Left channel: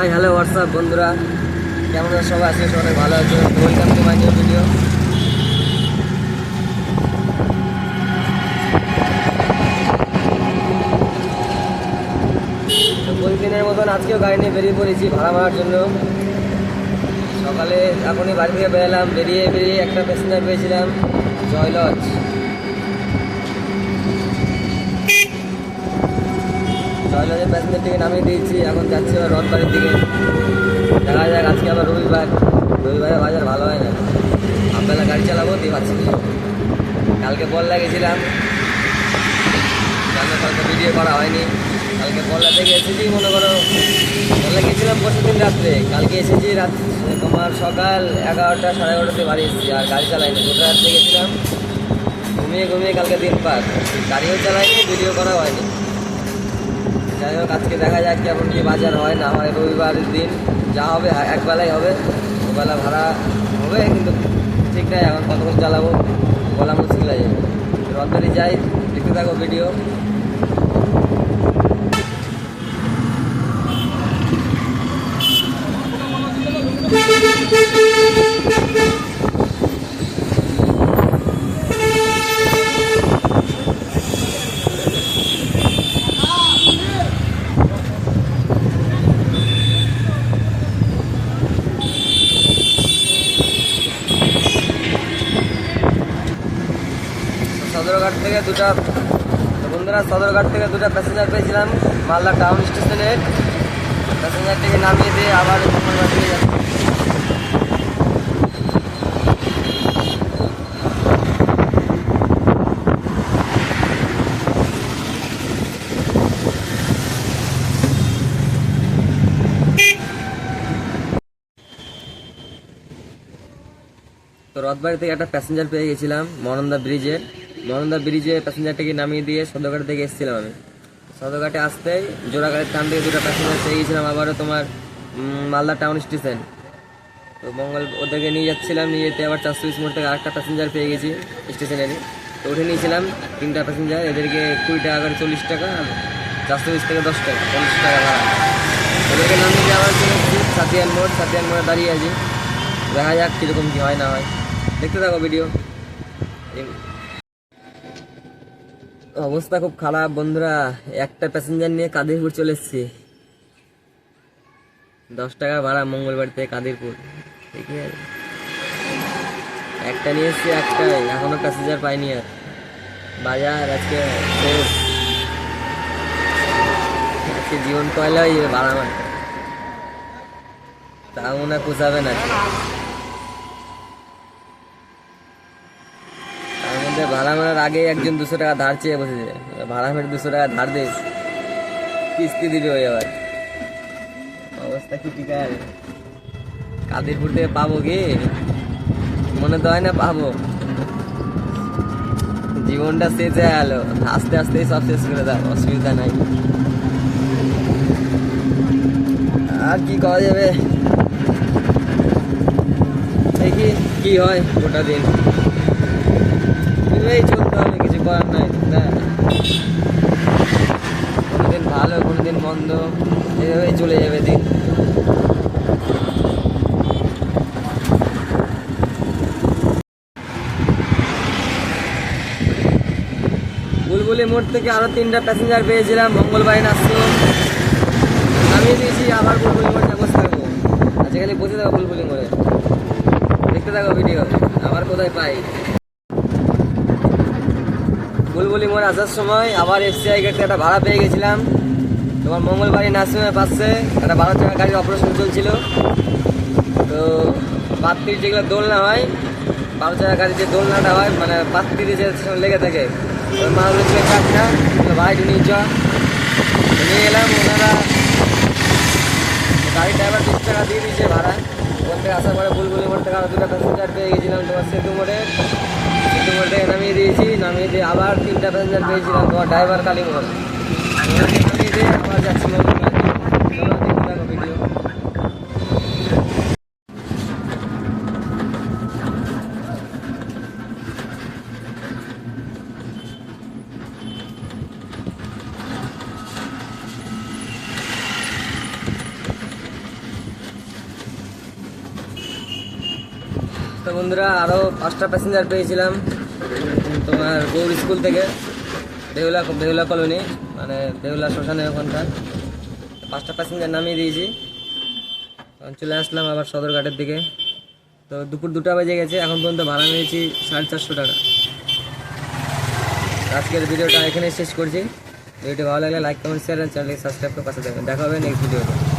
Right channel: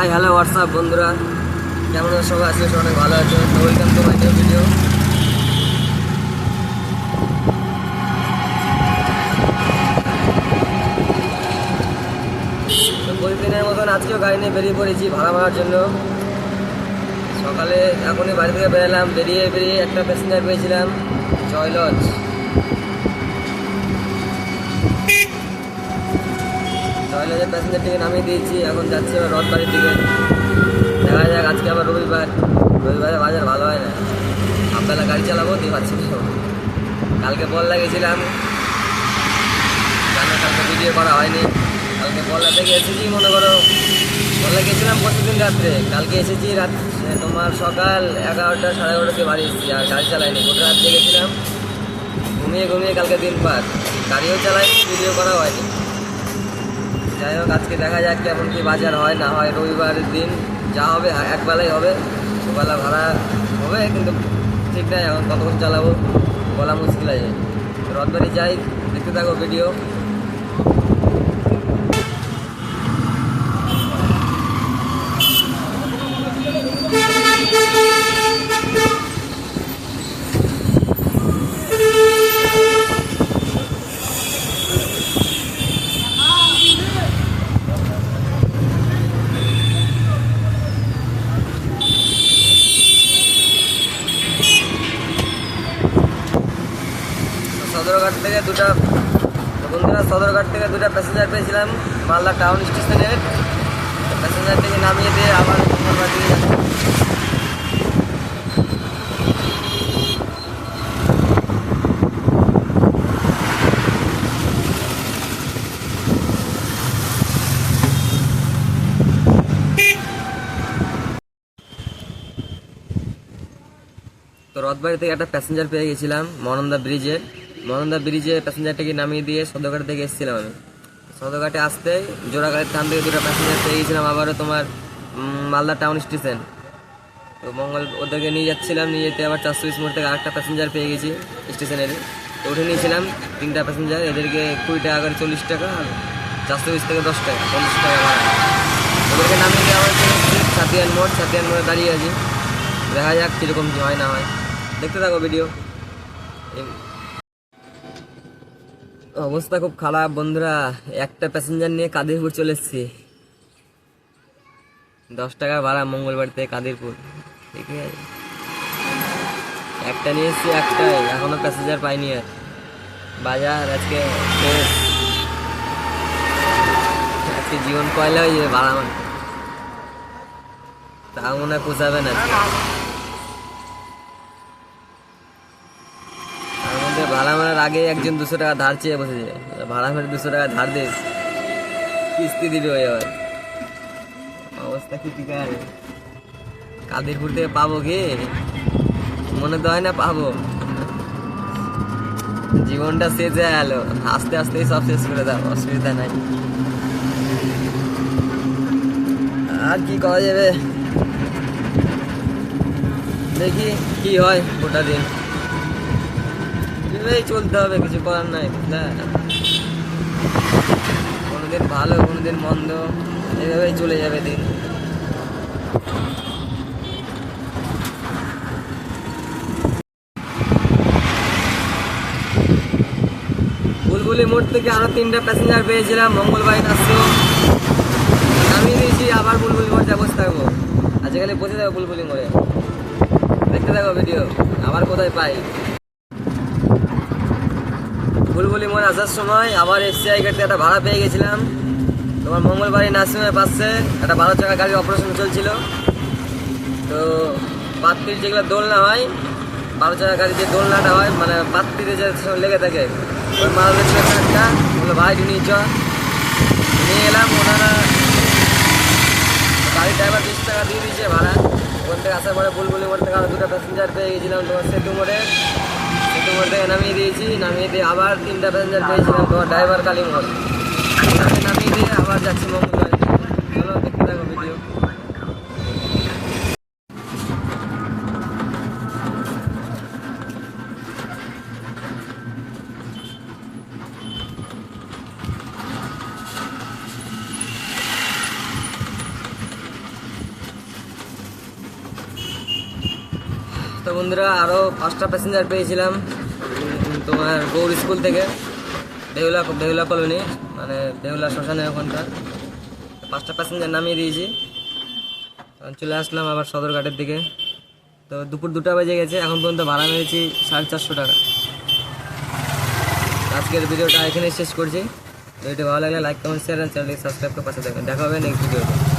Hi hello WhatsApp বন্ধুরা, কেমন সবাই আছে? অনেক ভালো আছে। তো welcome to my new video. তো প্রতিদিনের মতন আজকেও গাড়ি নিয়ে বেরিয়ে পড়েছি ভাড়া মারার জন্য। সকালে এখনই বাড়ি থেকে বেরোলাম, বেরিয়ে একটা প্যাসেঞ্জার পেয়েছিলাম জয়লজ। জয়লজের প্যাসেঞ্জারটিকে নামিয়ে দিয়েছি, এখন যাচ্ছি আবার রথবাড়ির দিকে। দেখা যাক, আজকে আবার রবিবারে বাজার ভালো হয় না। আপনারা গাড়ি চালাবো দিয়ে পাচ্ছি না। কালকে বল্লা গেছিলাম, কালকে ভিডিও করা হয়নি। কালকে বল্লা থেকে এসেছি, মনে করো বল্লা গেছিলাম পরশুদিন রাত্রে, কালকে এসেছি তোমার সকাল 11টা সাড়ে 11টাতে বাড়ি এসেছি। আর গাড়ি চালাইনি, গোটা রাত্রে গেছিলাম, ঘুমিয়ে কালকে দিন পার, গাড়িও চালাইনি, ভিডিও করা হয়নি। যাই হোক, আজকে দেখা যাক কেমন কি বাজার হয় না হয়। রবিবারের দিন যা হবে একবেলাই হবে, দুবেলা ভাড়া হবে, কিন্তু ঠিক নাই এখন কতক্ষণ চালাবো বলা মুশকিল আছে। রথবাড়ি যাই, দেখতে থাকো ভিডিও। সদরঘাট থেকে দুটা প্যাসেঞ্জার পেয়েছিলাম মালদা টাউন স্টেশনের। প্যাসেঞ্জারটিকে নামিয়ে দিয়ে আবার মঙ্গলবার দিয়ে যাচ্ছি। তো রথবাড়ি থেকে একটা প্যাসেঞ্জার পেয়ে গেছিলাম মনন্দা ব্রিজে প্যাসেঞ্জারটাকে নামিয়ে দিয়ে সদরঘাট থেকে এসেছিলাম আমি। সদরঘাটে আসতেই জোড়াঘাটের টান থেকে দুটো প্যাসেঞ্জার পেয়ে গেছিলাম, আবারও তোমার মালদা টাউন স্টেশন। তো ওদেরকে নিয়ে যাচ্ছিলাম, নিয়ে যেতে আবার 420 মোড় থেকে আরেকটা প্যাসেঞ্জার পেয়ে গেছি স্টেশনেরই। তো উঠে নিয়েছিলাম তিনটা প্যাসেঞ্জার, এদেরকে 20 টাকা করে 40 টাকা, আর 420 থেকে 10 টাকা 50 টাকা ভাড়া। ওদেরকে নামিয়ে দিয়ে আবার চলে এসেছি সাতিয়ান মোড়ে দাঁড়িয়ে আছি। দেখা যাক কীরকম কী হয় না হয়, দেখতে থাকো ভিডিও। অবস্থা খুব খারাপ বন্ধুরা, একটা প্যাসেঞ্জার নিয়ে কাদিরপুর চলে এসেছি। 10 টাকা ভাড়া মঙ্গলবার থেকে কাদিরপুর, ঠিক আছে। একটা নিয়ে এসেছি, একটাই, এখনো প্যাসেঞ্জার পাইনি। আর বাজার আজকে শেষ, আজকে জীবন কয়লা হয়ে যাবে ভাড়া মারতে, তা মনে হয় পোষাবে না। তার মধ্যে ভাড়া মারার আগে একজন 200 টাকা ধার চেয়ে বসেছে, ভাড়া মেরে 200 টাকা ধার দিস, কিস্তি দিবে ওই আবার। অবস্থা ক্রিটিক্যাল। কাদিরপুর থেকে পাবো কি? মনে তো হয় না পাবো। জীবনটা শেষ হয়ে গেল, আস্তে আস্তেই সব শেষ করে দাও, অসুবিধা নাই। আর কি করা যাবে, দেখি কি হয় গোটা দিন। এইভাবেই চলতে হবে, কিছু করার নাই। কোনোদিন ভালো, কোনোদিন মন্দ, এইভাবেই চলে যাবে দিন। বুলবুলি মোড় থেকে আরো 3টা প্যাসেঞ্জার পেয়েছিলাম, মঙ্গলবার আসছো, নামিয়ে দিয়েছি। আবার বুলবুলি মোড় যা বসে থাকবো, আজকাল বসে থাকবো বুলবুলি মোড়ে, দেখতে থাকো ভিডিও। আবার কোথায় পাই, বুলবুলি মোড় আসার সময় আবার এফসিআই গেটে একটা ভাড়া পেয়ে গেছিলাম। তোমার মঙ্গলবাড়ি নার্সিংহোমের পাশে একটা 12 চাকা গাড়ির অপারেশন চলছিল। তো পাত্রির যেগুলো দোলনা হয়, 12 চাকা গাড়ির যে দোলনাটা হয়, মানে পাত্রিতে যে লেগে থাকে, ওই মারা ছিল একটা। ভাই নিয়ে নিয়ে এলাম। ওনারা গাড়ির ড্রাইভার 20 টাকা দিয়ে দিয়েছে ভাড়া। ওখান থেকে আসার পরে বুলবুলি মোড় থেকে আরো 2টা প্যাসেঞ্জার পেয়ে গেছিলাম তোমার সেতু মোড় থেকে নামিয়ে দিয়েছি। নামিয়ে দিয়ে আবার 3টা প্যাসেঞ্জার পেয়েছিলাম তোমার ড্রাইভার কালী মোড়, নামিয়ে দিয়ে আবার যাচ্ছি মঙ্গলবার। চলো দেখতে থাকো ভিডিও। তো বন্ধুরা আরও 5টা প্যাসেঞ্জার পেয়েছিলাম তোমার গৌর স্কুল থেকে, বেহুলা কলোনি, মানে বেহুলা শ্মশানের ওখানকার। 5টা প্যাসেঞ্জার নামিয়ে দিয়েছি, তখন চলে আসলাম আবার সদরঘাটের দিকে। তো দুপুর 2টা বেজে গেছে, এখন পর্যন্ত ভাড়া নিয়েছি 450 টাকা। আজকের ভিডিওটা এখানে শেষ করছি। ভিডিওটি ভালো লাগলে লাইক, কমেন্ট, শেয়ার আর চ্যানেলকে সাবস্ক্রাইব করে পাশে থাকবেন। দেখা হবে নেক্সট ভিডিওতে।